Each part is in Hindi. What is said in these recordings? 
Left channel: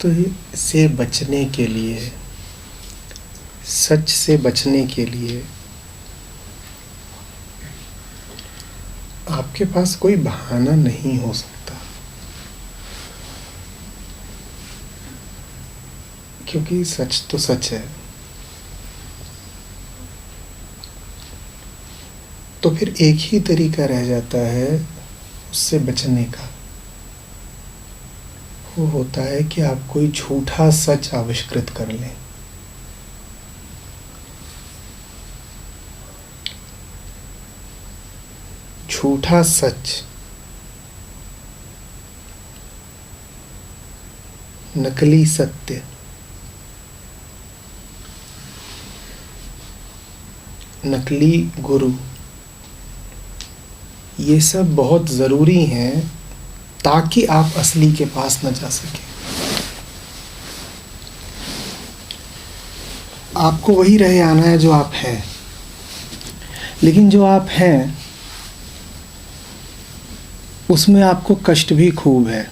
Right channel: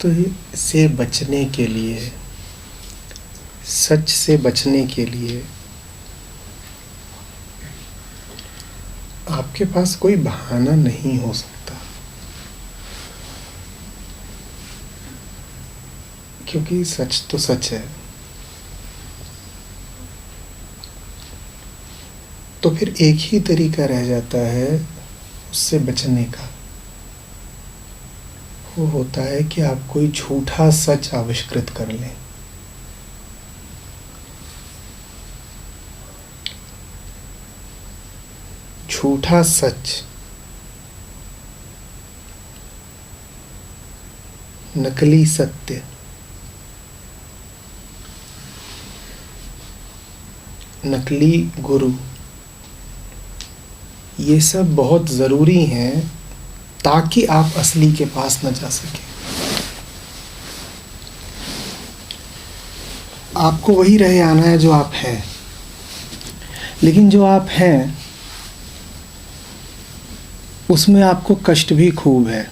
तो इससे बचने के लिए, सच से बचने के लिए आपके पास कोई बहाना नहीं हो सकता, क्योंकि सच तो सच है। तो फिर एक ही तरीका रह जाता है उससे बचने का। वो होता है कि आप कोई झूठा सच आविष्कृत कर लें। झूठा सच, नकली सत्य, नकली गुरु, ये सब बहुत ज़रूरी हैं ताकि आप असली के पास न जा सकें। आपको वही रहे आना है जो आप हैं, लेकिन जो आप हैं उसमें आपको कष्ट भी खूब है।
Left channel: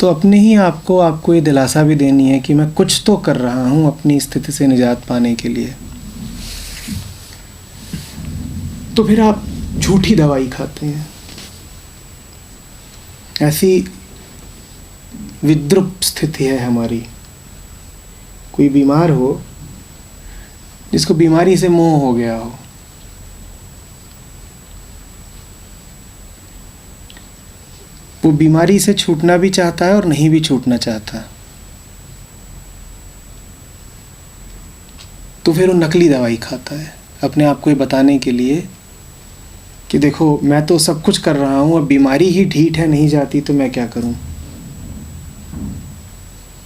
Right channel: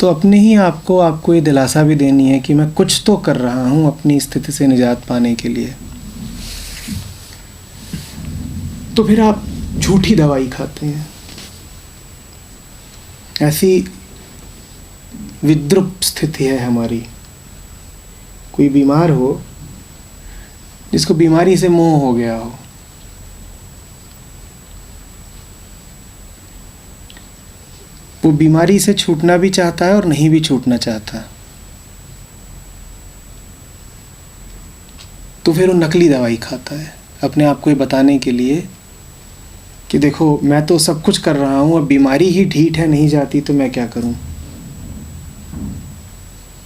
तो अपने ही आपको ये दिलासा भी देनी है कि मैं कुछ तो कर रहा हूँ अपनी स्थिति से निजात पाने के लिए। तो फिर आप झूठी दवाई खाते हैं। ऐसी विद्रुप स्थिति है हमारी। कोई बीमार हो, जिसको बीमारी से मोह हो गया हो, वो बीमारी से छूटना भी चाहता है और नहीं भी छूटना चाहता, तो फिर वो नकली दवाई खाता है अपने आप को ये बताने के लिए कि देखो मैं तो सब कुछ कर रहा हूँ, अब बीमारी ही ढीठ है, नहीं जाती तो मैं क्या करूँ।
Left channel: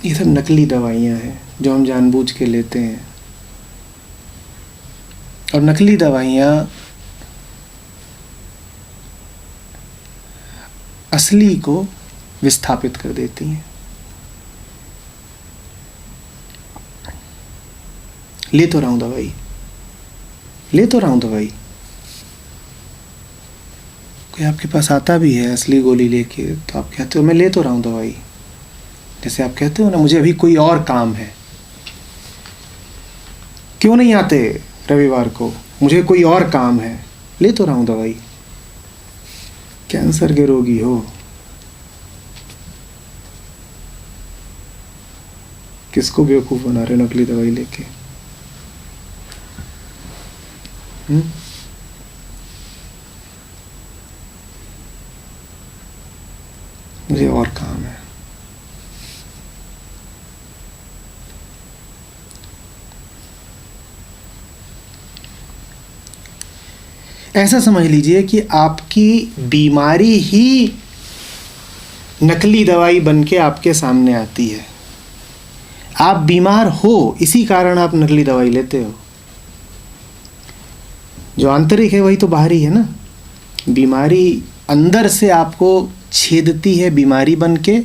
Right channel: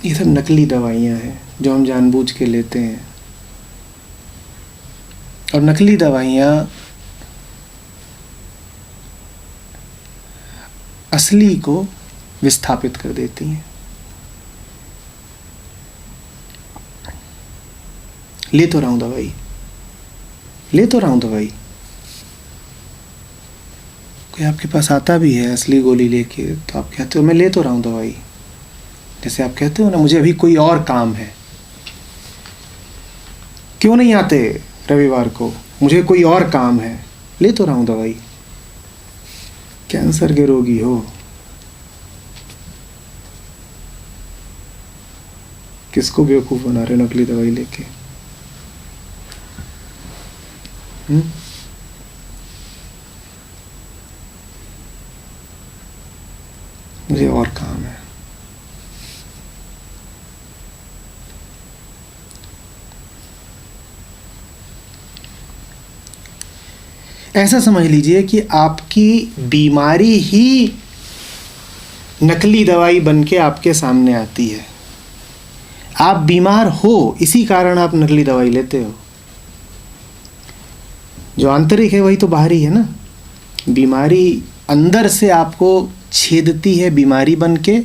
ये सब नकली दवाइयाँ हैं जो हम जानबूझ के लेते हैं। और नकली दवाइयाँ असली को विस्थापित कर देती हैं। ले तो रहा हूँ दवाई, ले तो रहा हूँ दवाई। कोई आपके पास आता भी है असली गोली लेके, तो आप कहते हो मैं ले तो रहा हूँ दवाई। जैसे आप कहते हो ना, मुझे अभी कोई और काम है, क्यों नहीं आते रविवार को, मुझे कोई और काम है, ले तो रहा हूँ दवाई। कैंसर के रोगी हो, किसको बेवकूफ बना रहे हो नकली दवाई लेके? मुझे और काम है। ऐसा समझ लीजिए कि आपकी बीमारी ही नकली दवाई बन के आपके सामने आती है। आप बीमार हो, इसी कारण आप नकली दवाई लेते हो। जो आंतरिक है वही तो बाहरी है ना। बीमारी अंदर से आपको छेदती है बीमारी बन के,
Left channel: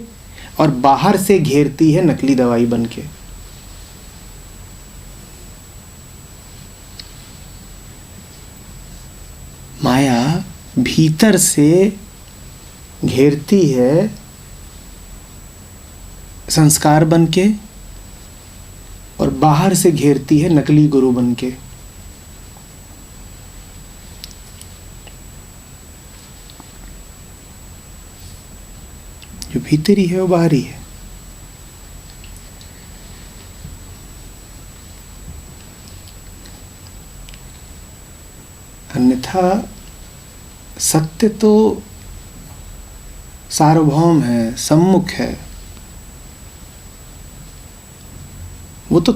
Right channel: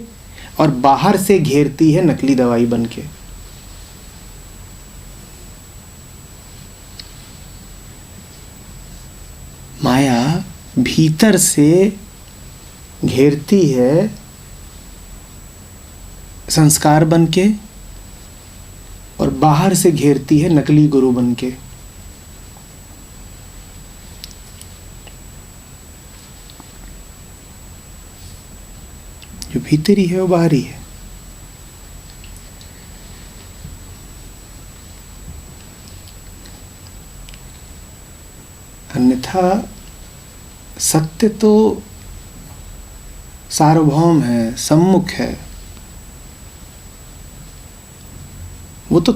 और बाहर से घेरती है नकली दवाई बन के। माया भीतर से घेरती है संस्कार बन के, और बाहर से घेरती है नकली गुरु बन के। जो भीतरी है वो बाहरी है। अन्यथा सत्य तो सार्वभौम है, सम्मुख है, वो तो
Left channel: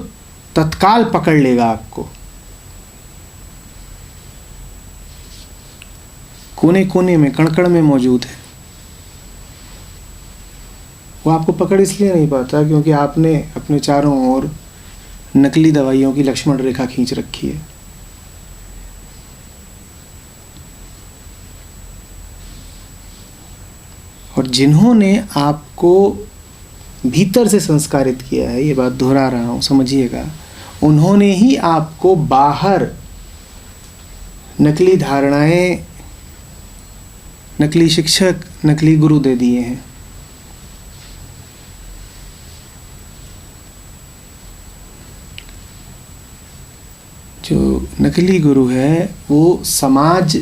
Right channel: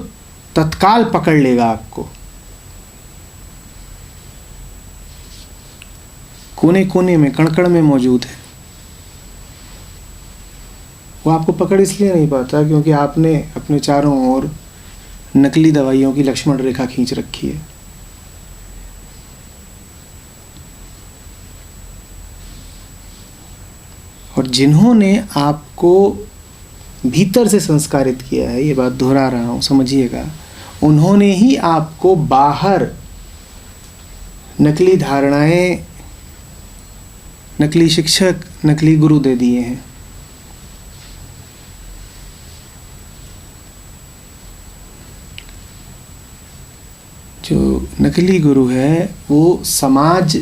तत्काल पकड़ लेगा आपको। कोने कोने में, कण-कण में मौजूद है। वो आपको पकड़ इसलिए नहीं पाता क्योंकि आपने अपने चारों ओर नकली दवाइयों की लक्ष्मण रेखा खींच रखी है। और जिन्होंने आपको भीतर से संस्कारित किया है, ये बात दोहरा रहा हूँ, समझिएगा, उन्होंने ही आपको बाहर नकली धारणाएं, नकली शिक्षक, नकली गुरु दे दिए हैं। जो नकली गुरु है वो समाज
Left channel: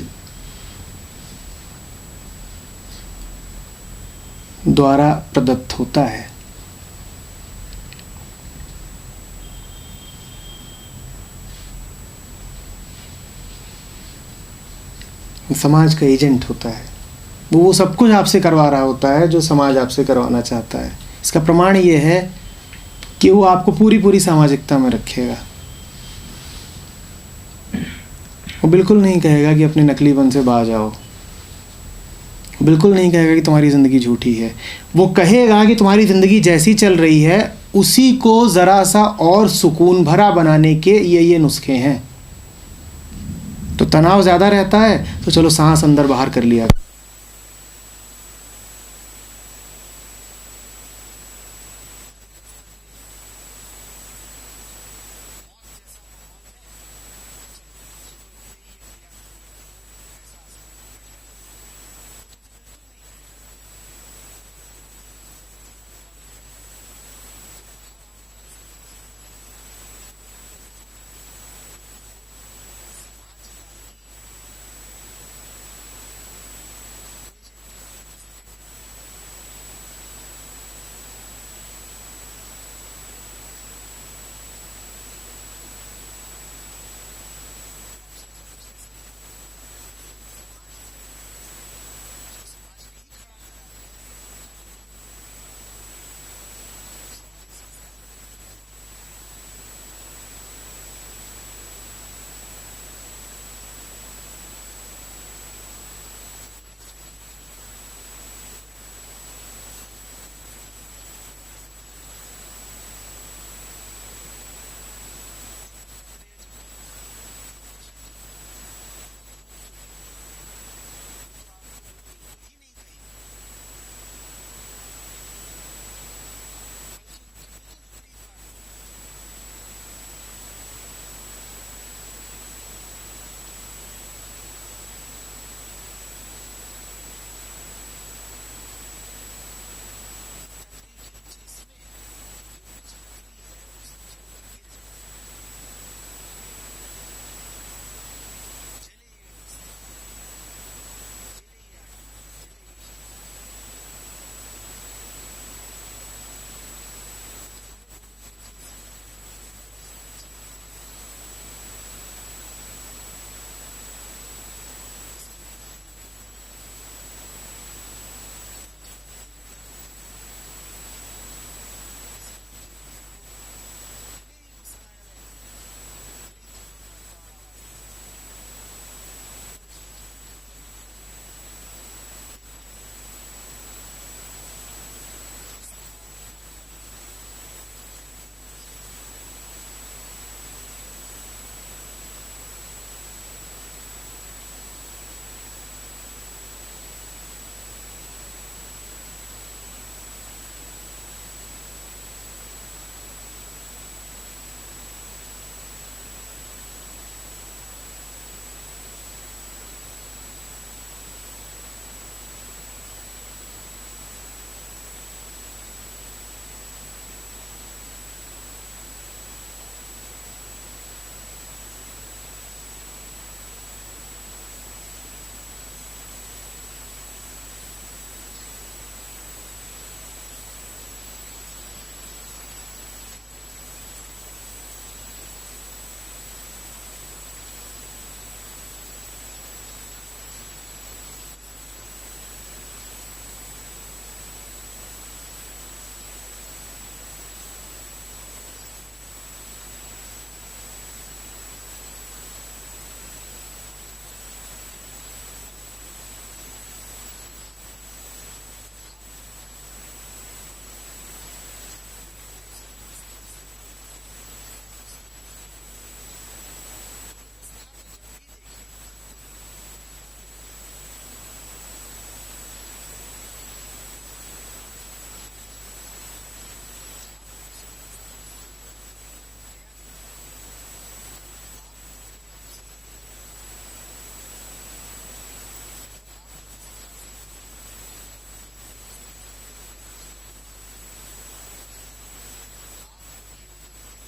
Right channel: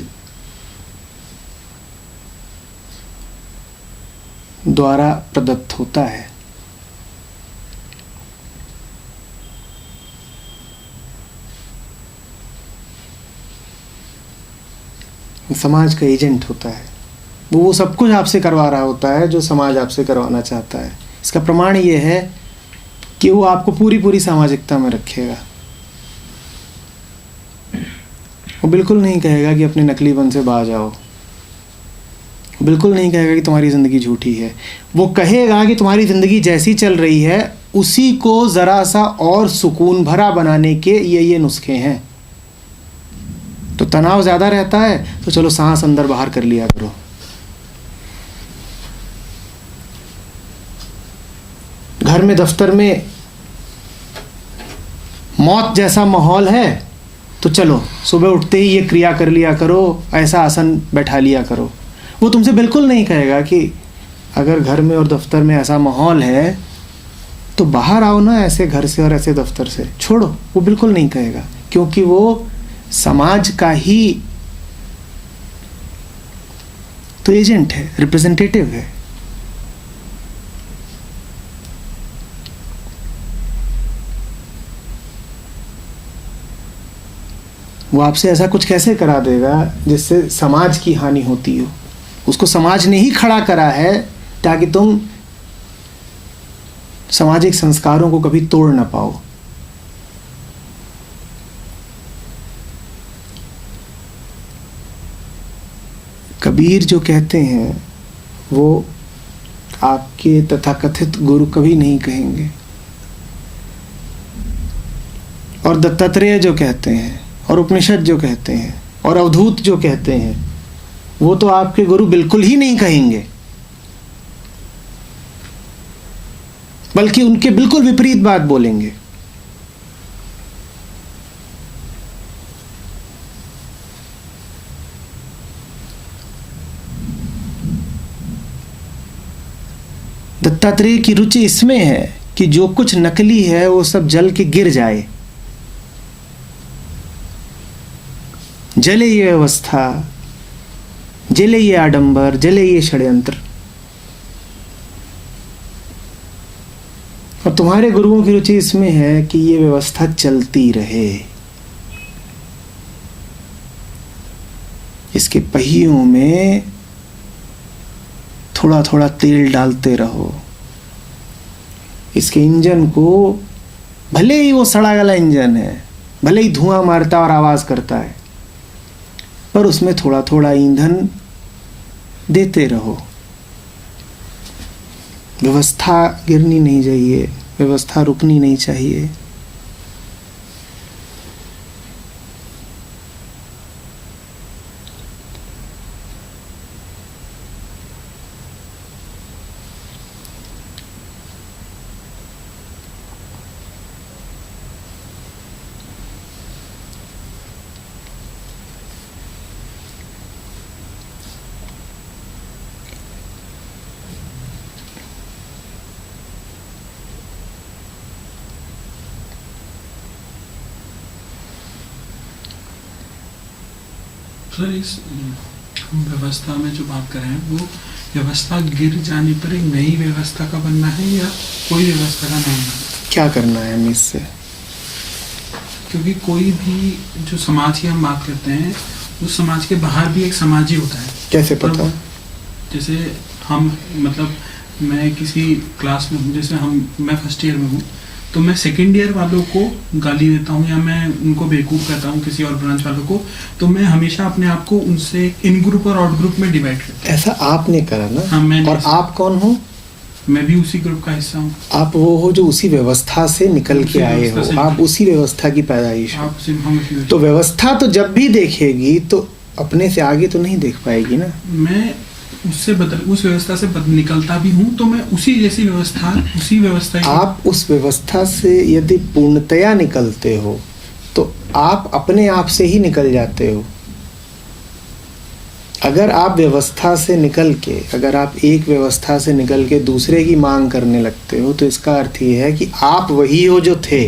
द्वारा प्रदत्त होता है। समाज का एजेंट होता है, वो सब कुछ आपसे करवा रहा होता है जो समाज आपसे करवाना चाहता है। इसका प्रमाण ये है कि वो आपको पूरी पूरी सामाजिकता में रखेगा। वो बिल्कुल नहीं कहेगा कि अपने नकलीपन से बाज आओ, वो बिल्कुल नहीं कहेगा कि तुम्हारी ज़िंदगी झूठी है। वो कहेगा कि तुम्हारी ज़िंदगी जैसी चल रही है उसी को ज़रा सा और सुकून भरा बनाने के ये नुस्खे हैं। तो तनाव ज़्यादा रहता है तो चलो सांस अंदर बाहर कर लिया करो। घर में दफ्तर में मौत जैसा माहौल है तो चलो सुबह उठते ही ये क्रिया कर लिया करो, ऐसा आसन बैठा लिया करो। वो तुमसे बिल्कुल नहीं कहेगा कि अगर घर में और दफ्तर में ऐसा माहौल है तो बाहर आओ ना ऐसे घर से और ऐसे दफ्तर से, छोड़ो। वो बिल्कुल नहीं कहेगा, क्योंकि वो समाज का ही तो एजेंट है, रिप्रेजेंटेटिव है। वो आपसे ऐसा कुछ कैसे करा देगा जिससे समाज की हानि होती हो। उसको समाज ने ही खड़ा करा है ताकि तुम सामाजिक संस्कारों को कभी तोड़ ना पाओ। कबीर जो कहते हैं वो आपके तथाकथित गुरु कभी नहीं कहेंगे, और दत्तात्रेय जो कहते हैं और उपनिषद जो कहते हैं और अवधूत जो कहते हैं वो तो आपके गुरु बिल्कुल ही नहीं कहेंगे, बल्कि उनके बिल्कुल विपरीत बात बोलेंगे। दत्तात्रेय की रुचि इसमें है कि जो कुछ नकली है वो सब जल के गिर जाए। जले ये व्यवस्था, जले ये आडंबर, जले ये षड्यंत्र। और तुम्हारे गुरुओं की रुचि इसमें है कि ये व्यवस्था चलती रहे, इसके पहियों में थोड़ा थोड़ा तेल डालते रहो। इसके इंजन को, भले ही वो सड़ा गला इंजन है, भले ही धुआं मारता और आवाज करता है, पर उसमें थोड़ा थोड़ा ईंधन देते रहो। व्यवस्था गिरनी नहीं चाहिए, व्यवस्था रुकनी नहीं चाहिए। सर, इस हम व्यवस्था में जो बात कर रहे हैं वो व्यवस्था गिर जाने पर एक नई व्यवस्था का बनना है या कोई व्यवस्था का नहीं बनना? क्या करना है हमें इससे? क्योंकि कोई भी जो समाज की हम बात करते हैं उस समाज के बाहर भी एक समाज ही होता है। कैसे पता? जैसे हम मतलब मैं किसी क्लास में हूँ, जैसे मैं फर्स्ट ईयर में हूँ तो मैं सेकेंड ईयर वालों को गाली देता हूँ या मैं उनको बेवकूफ़ करता हूँ किसी और ब्रांच वालों को, तो मैं हमेशा अपने आप को उनसे इन ग्रुप और आउट ग्रुप में डिवाइड करता हूँ। ऐसा आपने करा ना? हाँ, मैंने। और आप कौन हो? मैं भी उसी ग्रुप का हिस्सा हूँ। आप वो हो जो उसी व्यवस्था से निकल के आए हो, आप उसी व्यवस्था की पैदाइश हो। तो व्यवस्था तो जब भी देखेगी तो अपने से आगे तो नहीं देख पाएगी ना। मैं उस व्यवस्था से निकलता भी हूँ तो मैं उसी जैसी व्यवस्था आप उस व्यवस्था से यदि पूर्णतया निकलते हो तो आप अपने आप से ही निकल जाते हो। अगर आप व्यवस्था से निकल के, अगर आप एक व्यवस्था से निकल के दूसरे की मांग करने लगते हो तो इसका अर्थ ये है कि आप वही हो जो थे,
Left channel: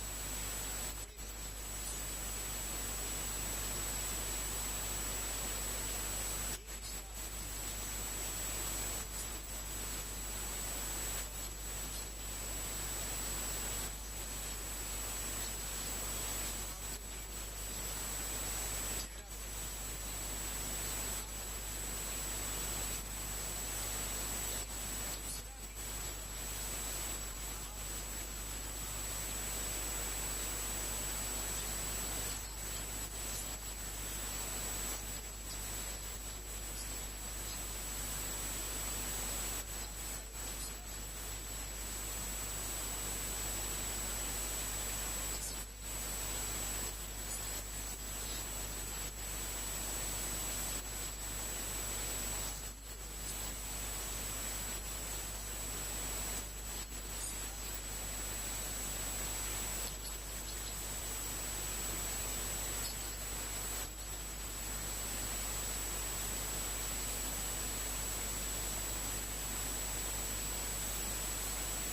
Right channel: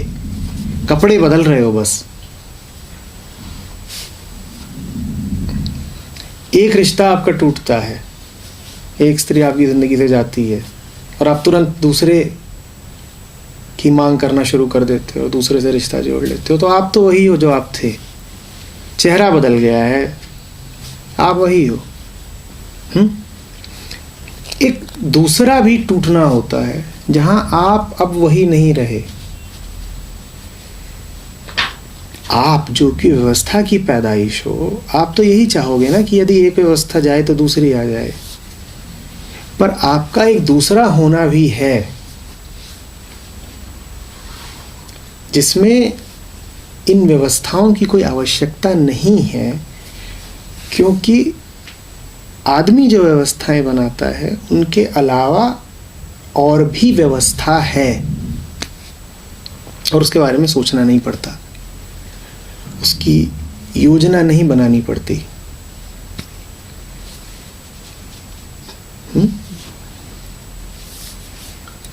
कपड़े बदल रहे हो बस। एक रिश्ता आपका टूटता है, एक स्त्री आपकी ज़िंदगी से जाती है और आप तुरंत दूसरे की मांग करना शुरू कर देते हो, दूसरे से रिश्ता जोड़ लेते हो, तो आप तो वही हो जो आप थे। चेहरा बदल गया है, आप वही हो। एक दूसरा भी टूटना होता है जहां आप अब वही नहीं रहे। आप जो कि व्यवस्था की पैदाइश हो, आप तो यही चाहोगे ना कि यदि एक व्यवस्था जाए तो दूसरी आ जाए, पर आपका एक दूसरा होना भी है जिसमें इन व्यवस्थाओं की कोई आवश्यकता नहीं है, क्योंकि आदमी जो व्यवस्थाएं बनाता है उनके अलावा और भी व्यवस्था है और उसके बारे में सोचना नहीं पड़ता, उसकी योजना नहीं बनानी पड़ती।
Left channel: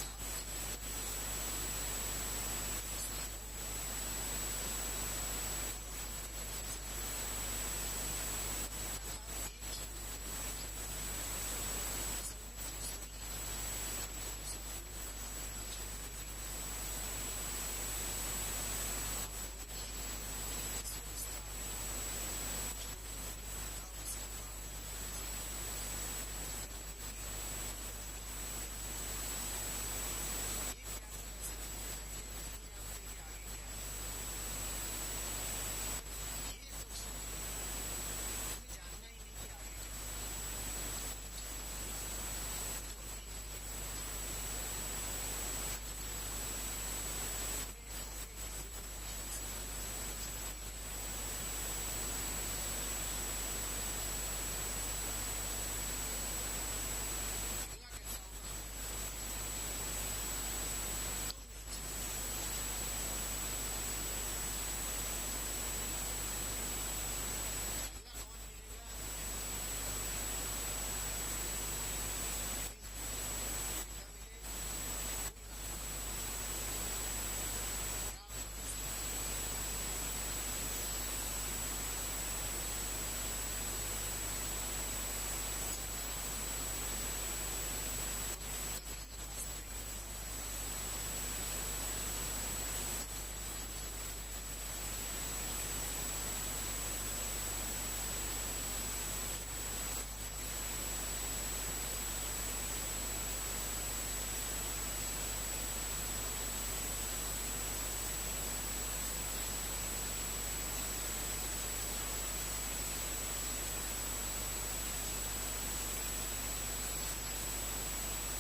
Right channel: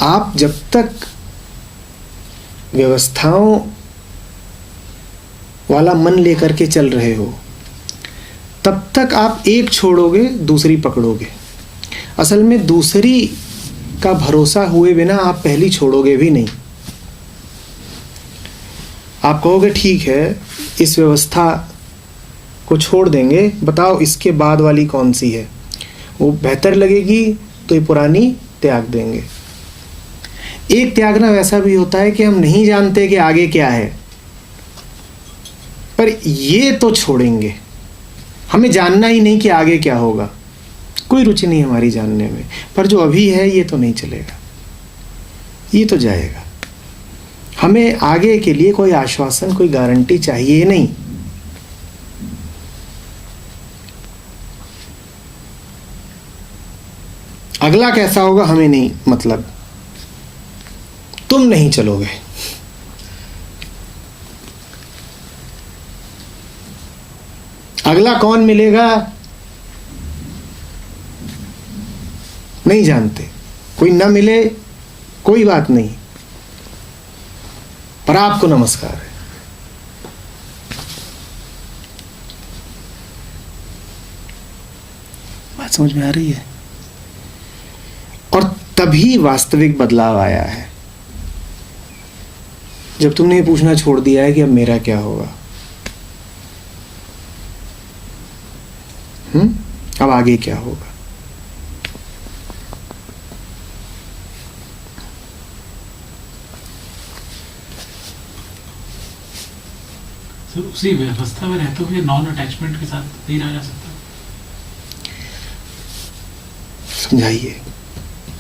आप जब तक व्यवस्थाओं वाला मन लेकर के चल रहे हो तब तक आप एक छोड़ोगे दूसरी पकड़ोगे। असल में दूसरी का भरोसा हुए बिना आप पहली छोड़ोगे भी नहीं। आप कहोगे ठीक है, इस व्यवस्था को छोड़ देंगे, बताओ इसके बाद वाली कौन सी है, वो बेहतर लगेगी तो ये पुरानी त्याग देंगे। एक त्यागना वैसा भी होता है कि हम नहीं जानते कि आगे क्या है, पर ये तो छोड़ेंगे। हमें जानना ही नहीं कि आगे क्या होगा, कोई रुचि नहीं हमारी जानने में, पर जो अभी है ये तो नहीं चलेगा, ये तो जाएगा। हमें आगे के लिए कोई आश्वासन, कोई गारंटी चाहिए नहीं। अगला कैसा होगा हमें नहीं मतलब, तुम नहीं चलोगे। अगला कौन मिलेगा नहीं जानते, कोई ना मिले कोई बात नहीं, पर आपको नमस्कार है। बात समझ में आ रही है? और तभी वास्तविक बदलाव आया है जब तुमने ये पूछना छोड़ दिया है कि अब मेरा क्या होगा। अब आगे क्या होगा। तो उसी व्यवस्था में रहते हुए नॉन अटैचमेंट के साथ नहीं रहा जा सकता? समझाइए।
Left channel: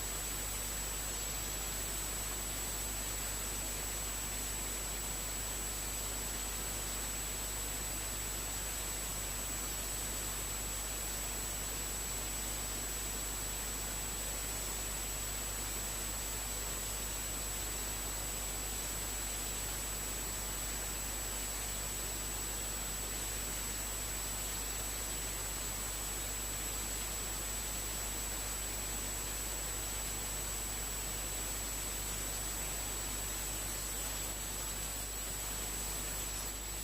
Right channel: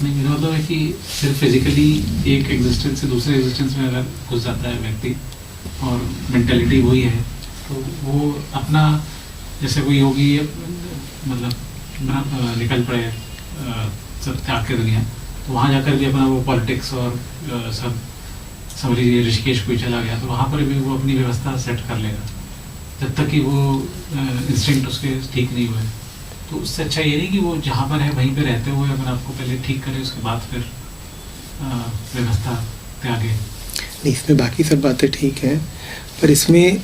नहीं, मेरा मतलब है कि सिर्फ फिजिकली एक एग्जिस्टेंस से दूसरे एग्जिस्टेंस में अगर घुस जाता है व्यक्ति और मेंटालिटी वही है, तो वो अपना जैसे कोई योगी मतलब निकल पड़े सब त्याग के दुनिया, तो वहाँ जाकर भी अपना वो पॉलिटिक्स और सब समझ लीजिए ऋषिकेश कोई चला गया, तो वहाँ पर भी वो अपनी व्यवस्था सेट कर लेगा जब तक कि वो इंस्टिंक्ट उसके ठीक नहीं हुए। तो उससे अच्छा ये नहीं कि वो जहाँ पर है वहीं पे रहते हुए अपने आपको पहले ठीक करे, उसके बाद फिर व्यवस्था त्यागे। नहीं, इसमें बाकी सब बातें ठीक हैं, पर इसमें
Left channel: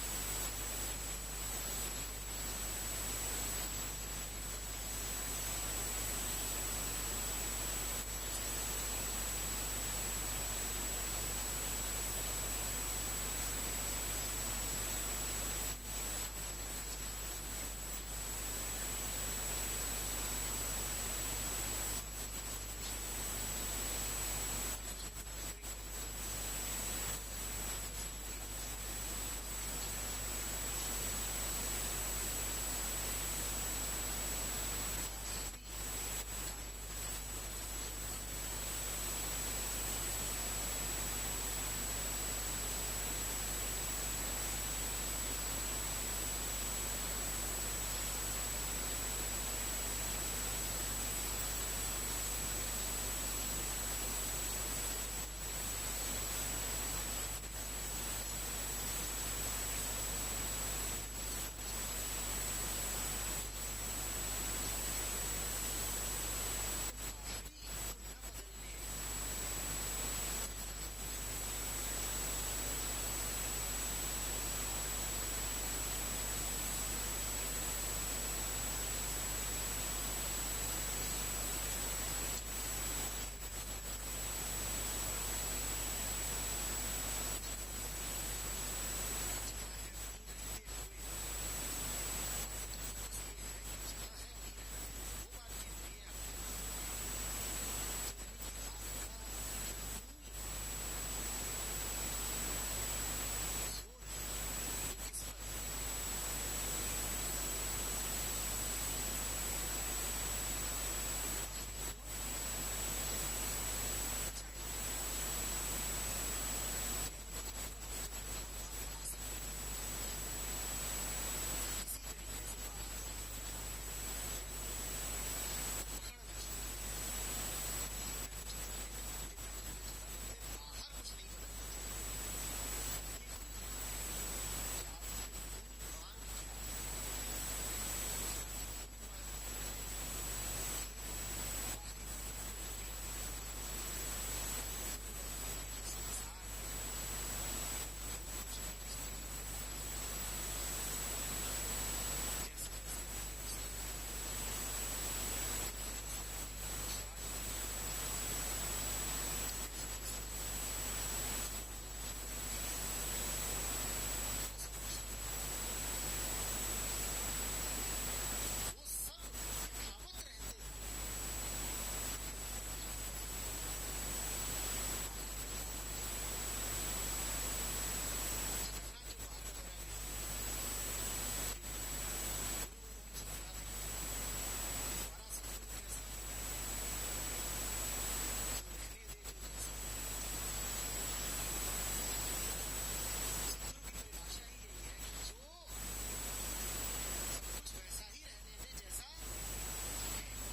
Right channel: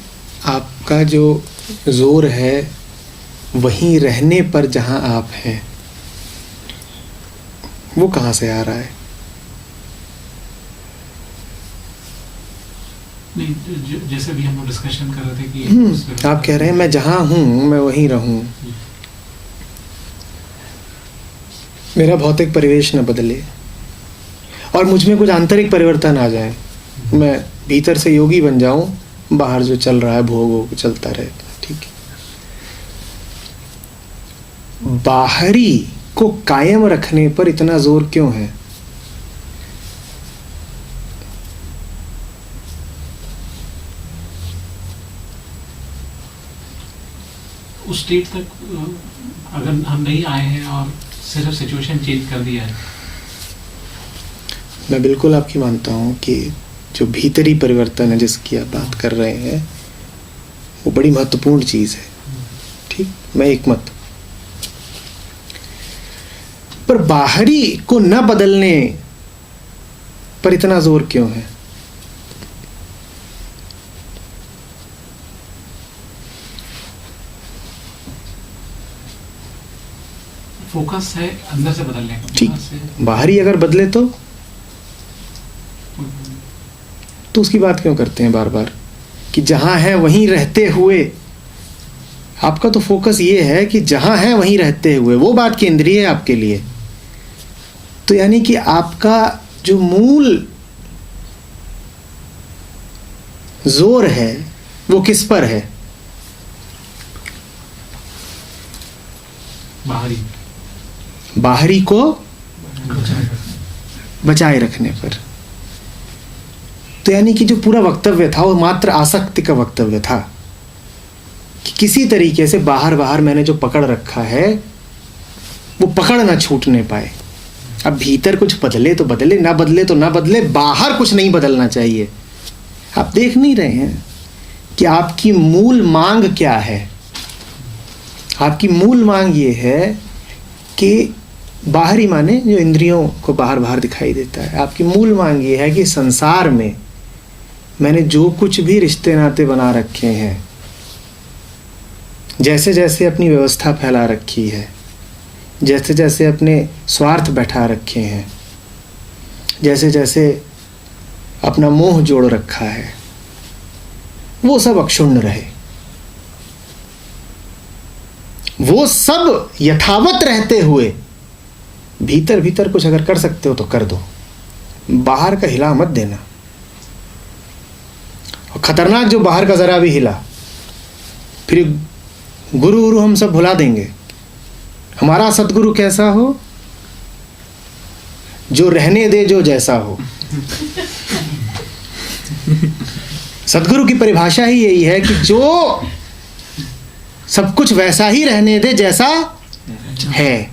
आपका जो जोर है वहीं रहने पर जहाँ आप हैं, वो कहाँ से आ रहा है? नहीं, जैसे भी हम लोग डिस्कशन कर रहे थे कि आप कह रहे हैं मैं जहाँ हूँ मैं वहीं रहूँ, मेरा भौतिक परिवेश न बदले और मुझ में कुछ आंतरिक परिवर्तन आ जाए, मैं भीतर से योगी बन जाऊं, बाहर जो चल रहा है भोग वो चलता रहे। ठीक है, बाहरी को कायम रखने पर इतना जोर क्यों है? उस स्टेट तक अगर हम नहीं आए हैं और सिर्फ सिचुएशन चेंज कर दिया है। मैं बिल्कुल आपकी मानता हूँ कि जो भीतरी परिवर्तन है जिसकी आप बात कर रहे हैं वो बड़ी महत्वपूर्ण चीज़ है। ठीक, मैं एक मत, पर बाहरी को न बदलने पर इतना जोर क्यों है? फोकस है अंदर से बदलने का। ठीक, बाहर से बाहरी अगर बदले तो उसकी बात क्यों करते हैं बार बार कि जहां है वहीं रहते हुए? आपका तो फोकस ये है कि जहां है वहीं रहते हुए, वो बात केंद्रीय है आपके लिए। तो यानी कि आपका जो मूल जोर है वो किस पर है? बाहरी बाहरी को बचाए रखने पर। तो यानी कि जो पूरा वक्तव्य था वो मात्र आसक्ति का वक्तव्य था कि किसी तरीके से बाहर बाहर मैंने जो पकड़ रखा है वो पकड़ ना छूटने पाए। अब भीतर कुछ बदले तो बदले, ना बदले तो ना बदले, बाहर कुछ नहीं बदलना चाहिए। आप देख नहीं रहे हैं कि आपकी मूल मांग क्या है? आपकी मूल मांग ये है कि बाहरी माने जो इंद्रियों को बाहर बाहर दिखाई देता है, आपकी मूल मांग ये है कि संसार में मैंने जो कुछ भी रिश्ते नाते बना रखे हैं, जैसे जैसे अपनी व्यवस्था फैला रखी है, जैसे जैसे अपने स्वार्थ बैठा रखे हैं, जैसे जैसे अपना मोह जोड़ रखा है, वो सब अक्षुण्ण रहे। वो सब यथावत रहते हुए भीतर भीतर कुछ अगर कर सकते हो तो कर दो, बाहर का हिला मत देना। और खतरनाक जो बाहर का जरा भी हिला, फिर गुरु गुरु हम सब भुला देंगे। हमारा सतगुरु कैसा हो? जो रहने दे जो जैसा हो। सतगुरु की परिभाषा ही यही है कि जो सब कुछ वैसा ही रहने दे जैसा है,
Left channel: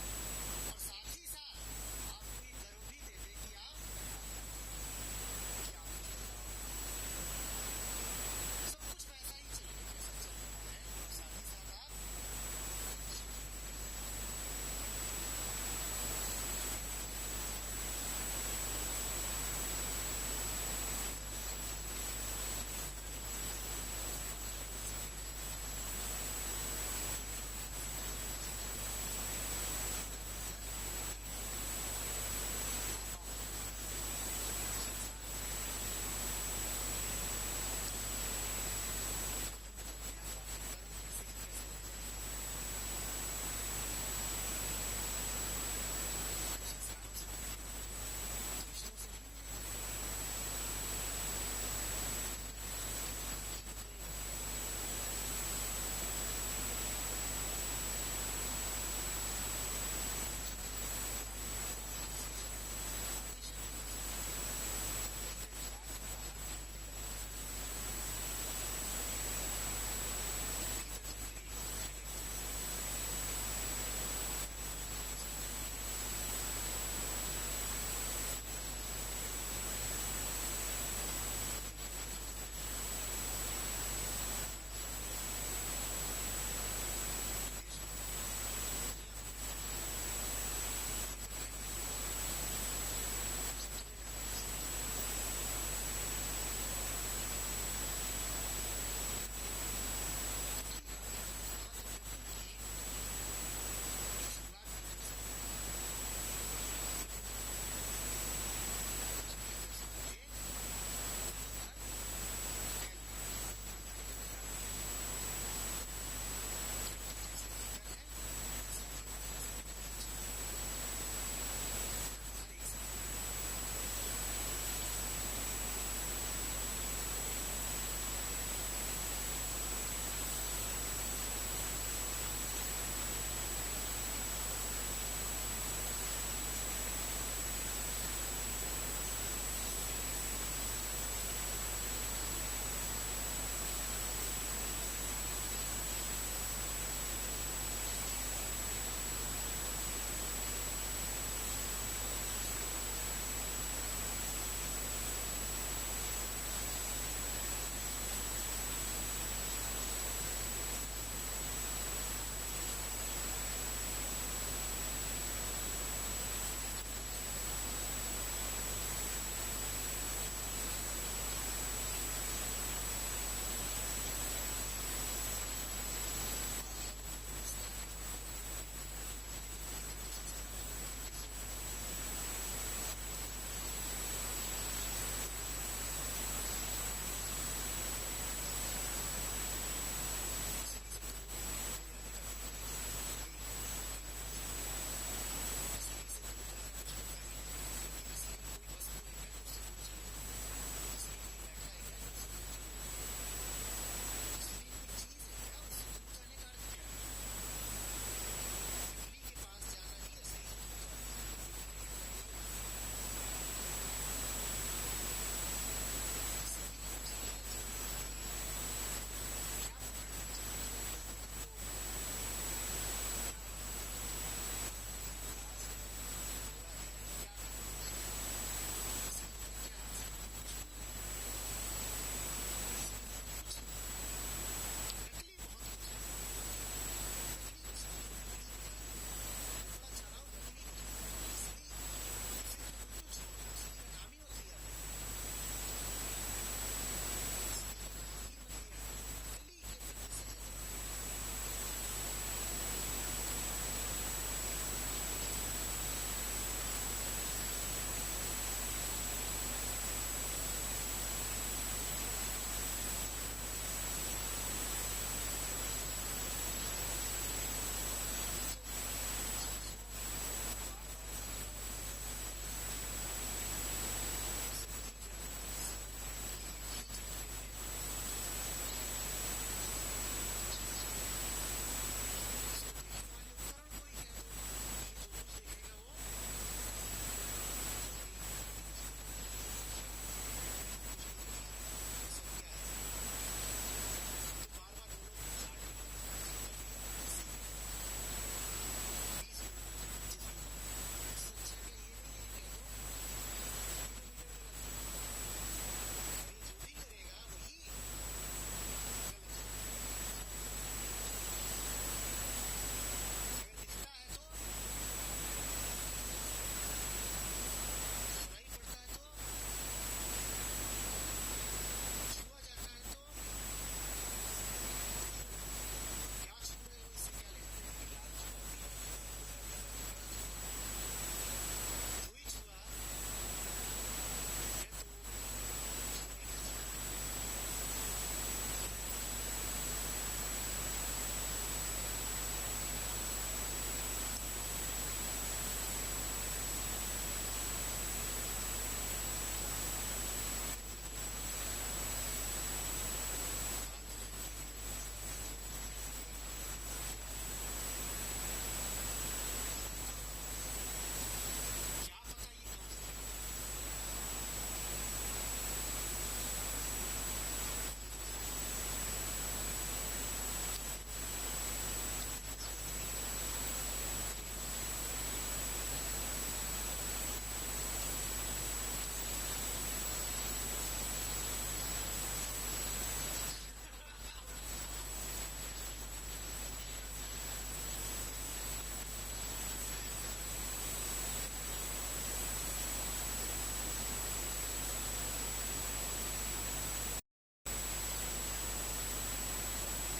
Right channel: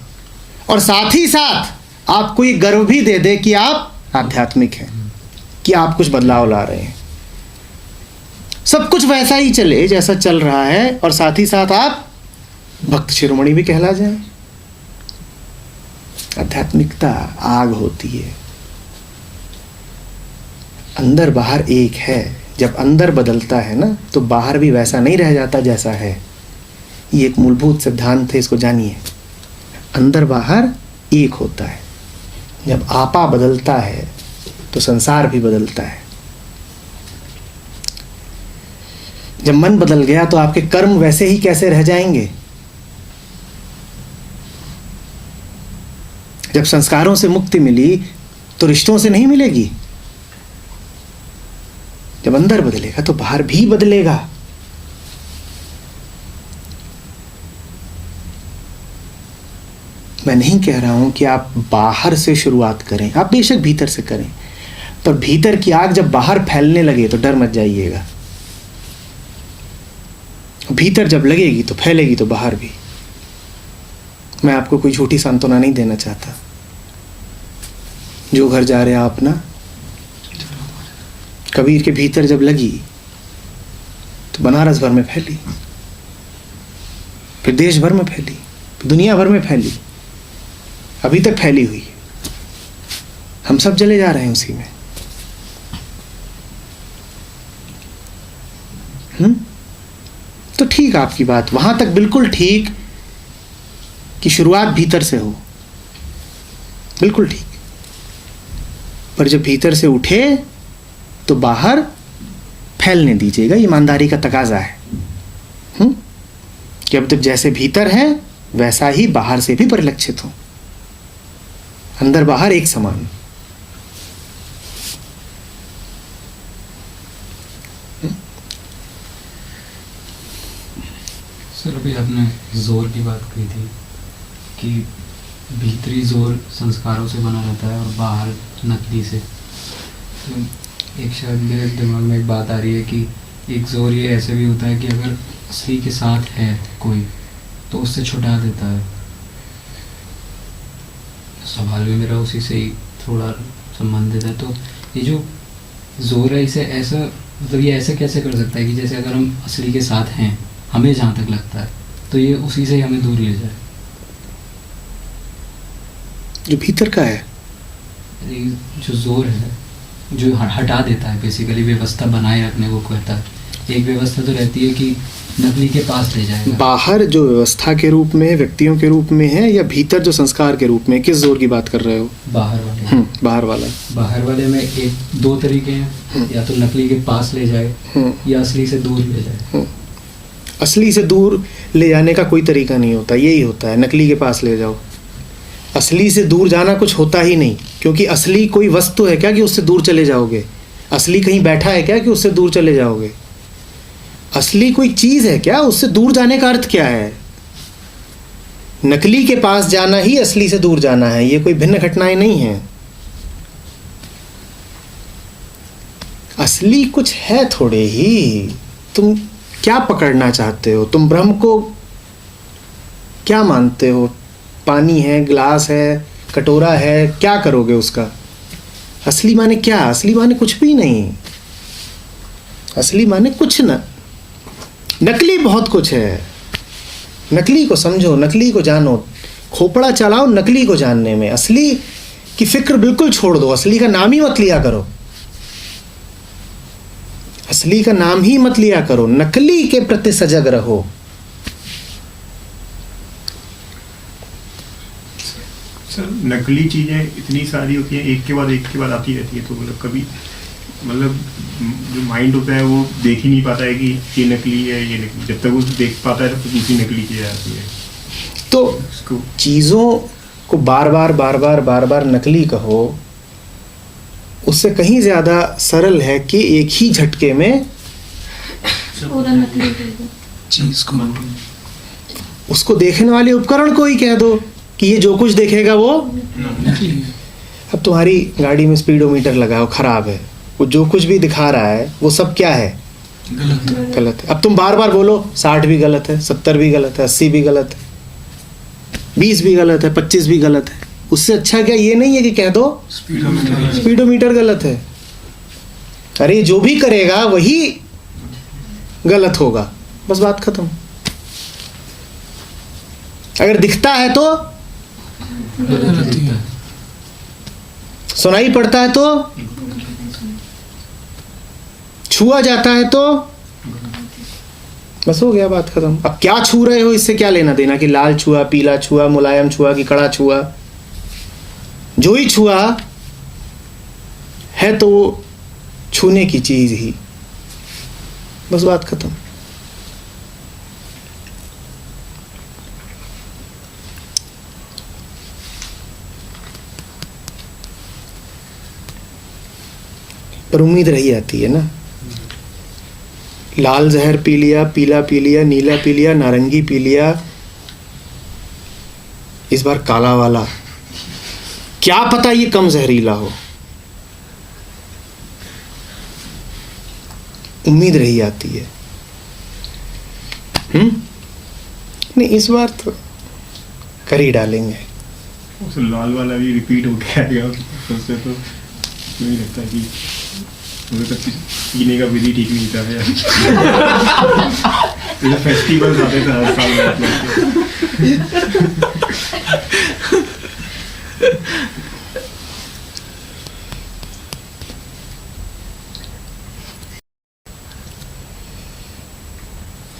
और साथ ही साथ आपको ये गर्व भी दे दे कि आप आध्यात्मिक हैं, कि आप कुछ बदलाव ला रहे हैं। सब कुछ वैसा ही चले जैसा चल रहा है, और साथ ही साथ आप भक्त शिरोमणि भी कहला जाए। आध्यात्मिकता आग होती है, अंदर बाहर एक है। जब अंदर बदलता है ना तो बाहर भी वैसा नहीं रह जाता जैसा है। ये एक मूलभूत सिद्धांत है, इसको जानिए। अंदर बाहर एक होता है। जब आपा बदलता है तो संसार भी बदलता है। जब मन बदल गया तो आपके कर्म वैसे ही कैसे रह जाएंगे? जब संस्कारों से मुक्ति मिली तो रिश्तों से नहीं मिलेगी। जब अंदर बदलेगा तो बाहर भी बदलेगा। मैं नहीं कह रहा हूं कि आप बाहर से शुरुआत करें, आप बेशक भीतर से करें, पर भीतर की आग जब बाहर फैलने लगे तो डर मत जाइएगा। भीतर जब लगेगी तो फैलेगी तो बाहर भी। मैं आपको कोई झूठी सांत्वना नहीं देना चाहता। जो घर जा रहे आप ना, कबीर के भीतर जब लगी तो बनारस भर में फैली, फिर देश भर में फैली, फिर दुनिया भर में फैली, अभी तक फैली हुई। हम सब चले जा रहे हैं उसी में। तो ठीक आपकी बात वहां तक बिल्कुल ठीक कि शुरुआत भीतर से हो, बिल्कुल ठीक। पर जब भीतर से उठे तो बाहर फैलने दीजिएगा। ईमानदारी का तकाजा है कि अब तक जैसे भीतर है वैसा ही बाहर से भी परिलक्षित हो, अंदर बाहर एक समान। सर अभी आपने जोर की बात कही थी कि भीतरी जोर संस्कारों से बना रहता है और बाहर नकली से। तो एक शायद मेरे दिमाग में एक बात आ रही है कि एक जोर ये ऐसे भी होता है कि अगर असली के साथ है कोई तो उससे छुटा देता है। सवाल भी मेरा उसी से ही थोड़ा संबंधित है। तो ये जो जोर है इसे ऐसा मतलब ये ऐसे कैसे कर सकता है कि जैसे अगर हम असली के साथ हैं, हमें जहाँ तक लगता है, तो ये उसी से ही हमें दूर ले जाए। जो भीतर का है, जो जोर है जो हटा देता है, बेसिकली व्यवस्था बनाए रखने को कहता है। एक व्यवस्था तो रहती है कि नकली के पास ले जाएगा। बाहर जो व्यवस्था के रूप में, व्यक्तियों के रूप में है, या भीतर जो संस्कार के रूप में? किस जोर की बात कर रहे हो? बाहर वाले। बाहर वाला। बाहर वाले में एक दो तरीके हैं, या तो नकली के पास ले जाए या असली से दूर ले जाए। असली से दूर ले जाने का कोई तरीका नहीं होता, यही होता है नकली के पास ले जाओ। असली से दूर जाना कुछ होता ही नहीं, क्योंकि असली कोई वस्तु है क्या कि उससे दूर चले जाओगे? असली कहीं बैठा है क्या कि उससे दूर चले जाओगे? असली कोई चीज है क्या? उससे दूर जाने का अर्थ क्या है? नकली के पास जाना ही असली से दूर जाना है, ये कोई भिन्न घटनाएं नहीं है। असली कुछ है थोड़े ही। तुम क्या पकड़ना चाहते हो? तुम ब्रह्म को क्या मानते हो? पानी है, ग्लास है, कटोरा है, क्या करोगे उसका? असली माने क्या? असली माने कुछ भी नहीं। असली माने कुछ ना। नकली बहुत कुछ है। नकली को समझो, नकली को जानो, खोपड़ा चलाओ नकली को जानने में। असली की फिक्र बिल्कुल छोड़ दो, असली का नाम ही मत लिया करो। असली का नाम ही मत लिया करो, नकली के प्रति सजग रहो। सर नकली चीजें इतनी सारी होती हैं, एक के बाद आती रहती है, तो मतलब कभी मतलब जो माइंड होता है वो देख ही नहीं पाता है कि ये नकली है, ये नकली। जब तक वो देख पाता है तो दूसरी नकली चीजें आती है। तो उसको चीजों को बार बार नकली कहो, उससे कहीं ज्यादा सरल है कि एक ही झटके में पूरा नकली कर दो। चीज को उसको देखने वाले उपकरण को ही कह दो कि ये जो कुछ देखेगा वो। अब तुम्हारी गाड़ी में स्पीडोमीटर लगाओ, खराब है, वो जो कुछ भी दिखा रहा है वो सब क्या है? गलत है। अब तुम बार बार बोलो 60 भी गलत है, 70 भी गलत है, 80 भी गलत है, 20 भी गलत है, 25 भी गलत है। उससे अच्छा क्या ये नहीं है कि कह दो स्पीडोमीटर गलत है? अरे जो भी करेगा वही गलत होगा, बस बात खत्म। अगर दिखता है तो, सुनाई पड़ता है तो, छुआ जाता है तो, बस हो गया, बात खत्म। अब क्या छू रहे हो इससे क्या लेना देना कि लाल छुआ, पीला छुआ, मुलायम छुआ कि कड़ा छुआ? जो ही छुआ है तो वो छूने की चीज ही, बस बात खत्म। पर उम्मीद रही जाती है ना। लाल जहर पी लिया, पीला पी लिया, नीला पी लिया, नारंगी पी लिया, इस बार काला वाला, क्या पता ये कम जहरीला हो। उम्मीद रही जाती है। नहीं, इस बार तो कर ही डालेंगे। उस लाल वाला भी रिपीट हो गया, उससे तो मुझे लगता है कि मुझे तक पीने का विधि ठीक नहीं था यार। फेस्टिवल्स आते थे हर साल।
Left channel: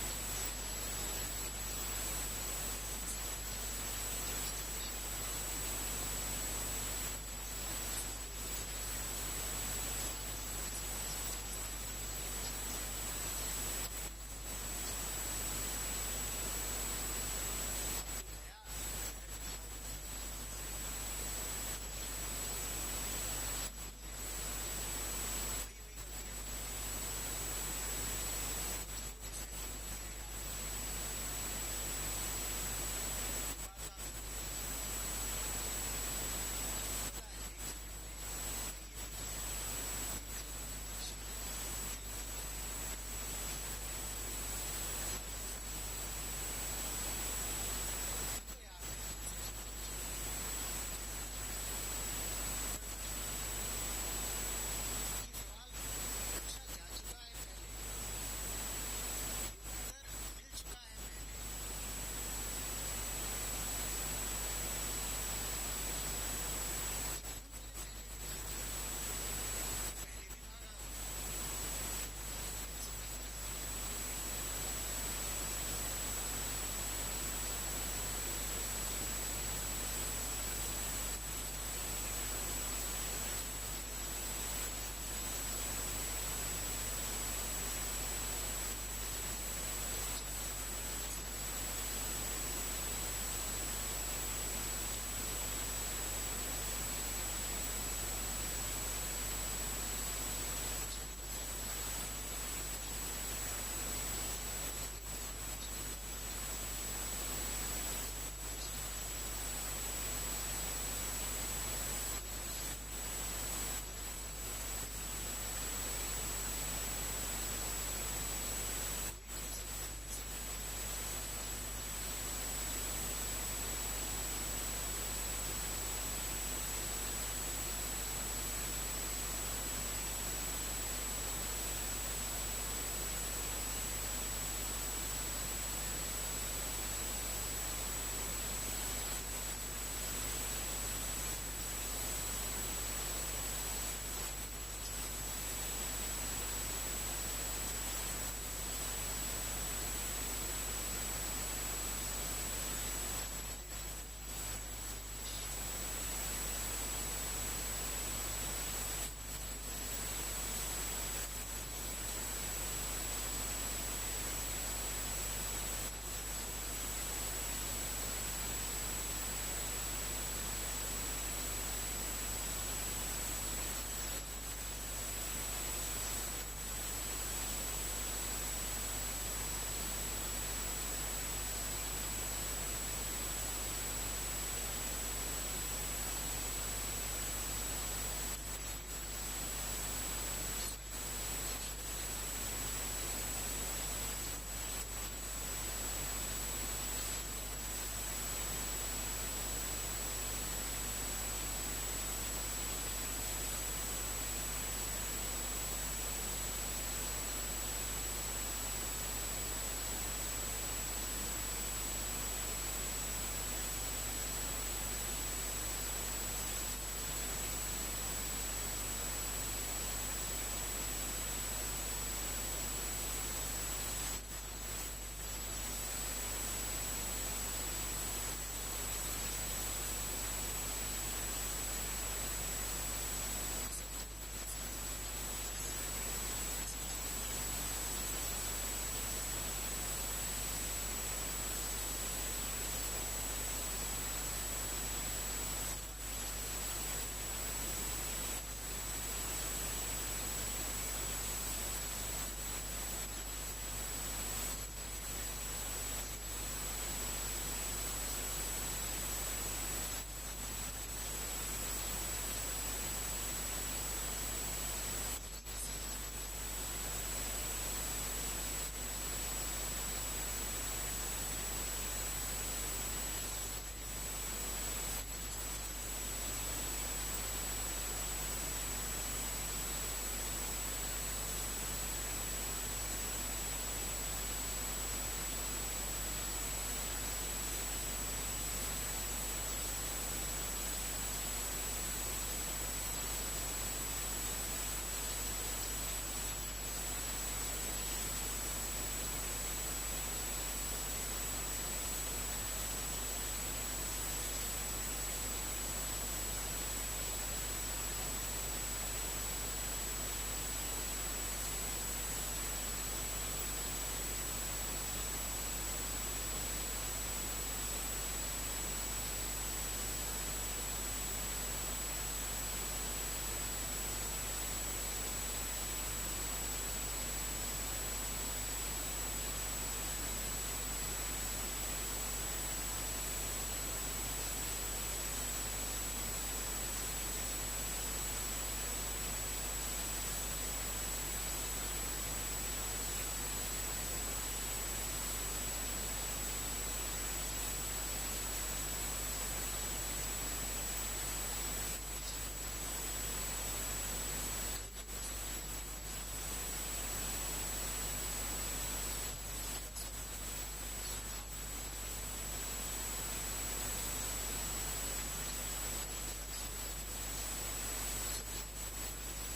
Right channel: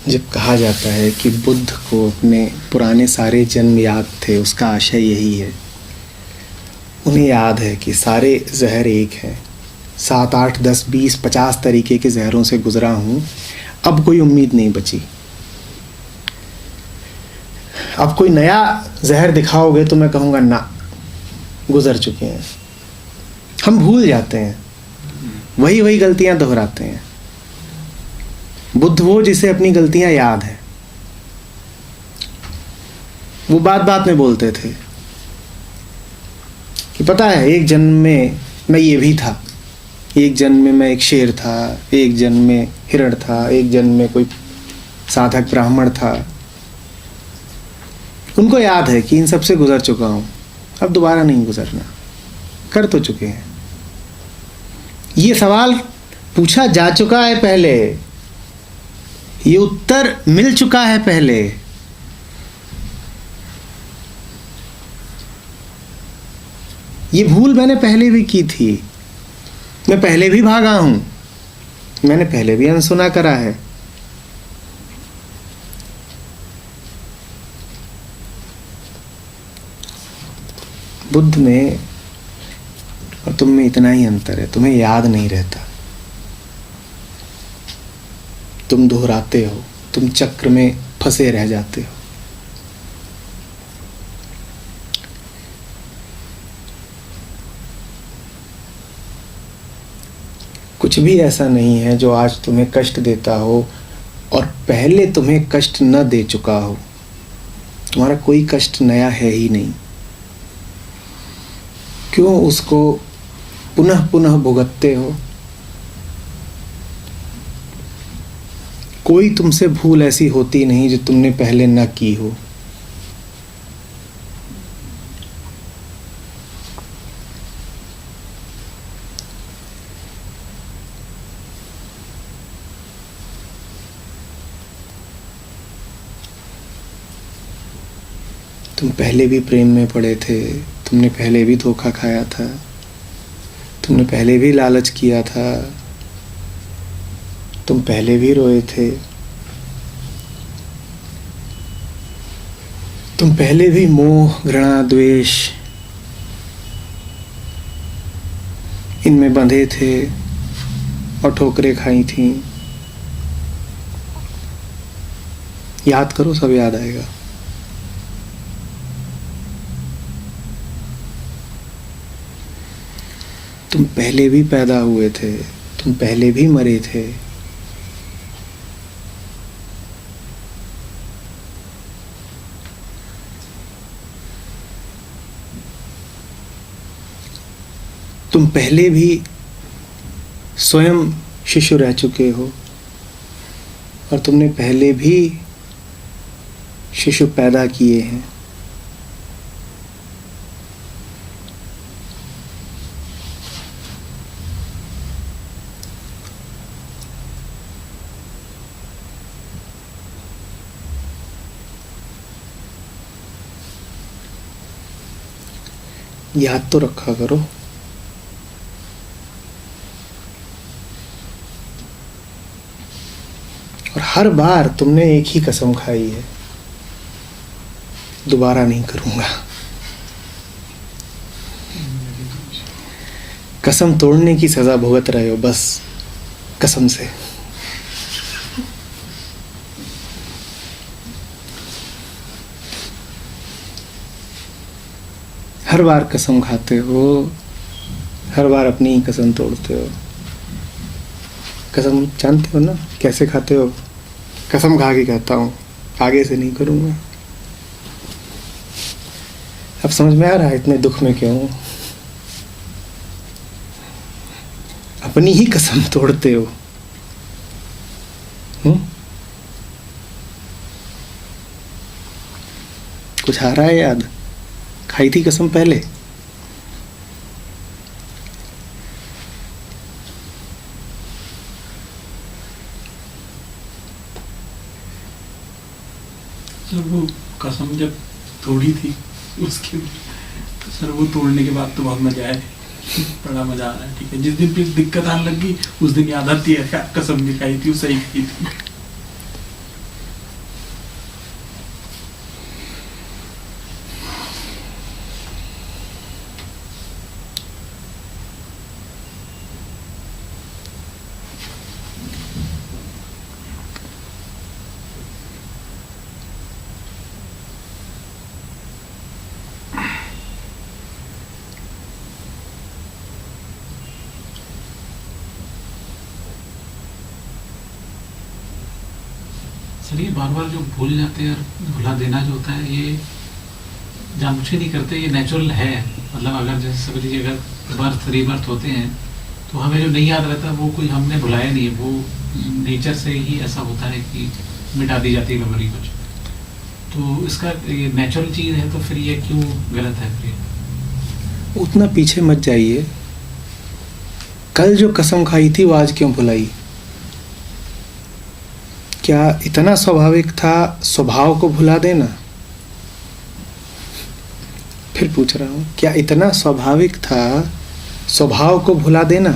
जब कहा जाता है कि बुद्ध को अपने पुराने सारे जन्म याद थे, उसका आशय यही है। उन्हें याद है कि सारे जहर एक हैं, 7, 8, 10, 20, 50 तरीके के जहरों से गुजरा हूँ, अब कोई उम्मीद नहीं बची। अब कोई नया जहर दिखाओगे तो मैं कहूँगा ना, गुजर चुके हैं। हम भूल जाते हैं, वही गलतियाँ दोहराते हैं। बुद्ध वो जिसे अपनी गलतियाँ याद है, वो बात बात में बोलते थे कि पता है एक जन्म में मैं ये भी था, एक जन्म में मैं एक शेर था, एक जन्म में हिरण था, एक जन्म में कोई साधक ब्राह्मण था। उनको याद है कि इन सब से गुजर चुका हूँ, अब दोबारा नहीं गुजरना, कर तो चुके हैं। ये सवाल पूछा जा चुका है पहले, ये उत्तर मिल चुका है पहले। ये भूल मैंने पहले भी की थी, मैं पहले भी भागा हूं, मैंने पहले भी अनसुना करा है। बुद्ध में और तुम में इतना ही अंतर है, तुम्हें याद नहीं रहता, तुम दोहराते हो, तुम चक्र में फंसे रह जाते हो। कुछ भी ऐसा नहीं है जो आज तुम्हें कष्ट देता हो और पहले तुम्हें कष्ट न दे चुका हो। तुम्हारा कोई कष्ट नया है ही नहीं। क्यों उसको पुनः पुनः भुगतते हो? कोई तुमसे भूल ऐसी होती नहीं जो तुमने पहले न की हो। तुम पहले भी प्रेम में पड़े थे, तुमने पहले भी धोखा खाया था, तुमने पहले भी लालच किया था, तुम पहले भी रोए थे, तुम पहले भी मोह, घृणा, द्वेष इनमें बंधे थे और ठोकरें खाई थी। याद करो, सब याद आएगा। तुम पहले भी पैदा हुए थे, तुम पहले भी मरे थे। तुम पहले भी स्वयं शिशु रह चुके हो और तुमने पहले भी शिशु पैदा किए हैं। याद तो रखा करो। और हर बार तुमने एक ही कसम खाई है, दोबारा नहीं करूंगा। कसम तोड़ने की सजा भुगत रहे हो बस कसम से। हर बार कसम खाते हो, हर बार अपनी ही कसम तोड़ते हो। कसम जानते हो ना कैसे खाते हो? कसम खा के कहता हूँ आगे से नहीं करूँगा। अब समझ में आ रहा है इतने दुख में क्यों हूँ? अपनी ही कसम तोड़ते हो। कुछ आ रहा है याद? खाई थी कसम पहले? सर वो कसम जब तोड़ी थी उसके सर वो तोड़ने के बाद तो बहुत मजा आया, बड़ा मजा आ रहा है। ठीक है, जिस दिन फिर दिक्कत आने लगी उस दिन याद आती है क्या कसम नहीं खाई थी, वो सही खाई थी। सर ये बार बार जो भूल जाते हैं और भुला देना जो होता है ये जानबूझ के नहीं करते, ये नेचुरल है। मतलब अगर जैसे समझ लीजिए अगर बर्थ रीबर्थ होते हैं तो हमें जो नहीं याद रहता वो कोई हमने भुलाया नहीं है, वो नेचर से ही ऐसा होता है कि मिटा दी जाती है मेमोरी कुछ। तो इसका ये नेचुरल चीज़ है तो फिर ये क्यों गलत है फिर? उतना पीछे मत जाइए। कल जो कसम खाई थी वो आज क्यों भुलाई? क्या इतना स्वाभाविक था स्वभाव को भुला देना? फिर पूछ रहा हूँ, क्या इतना स्वाभाविक था स्वभाव को भुला देना?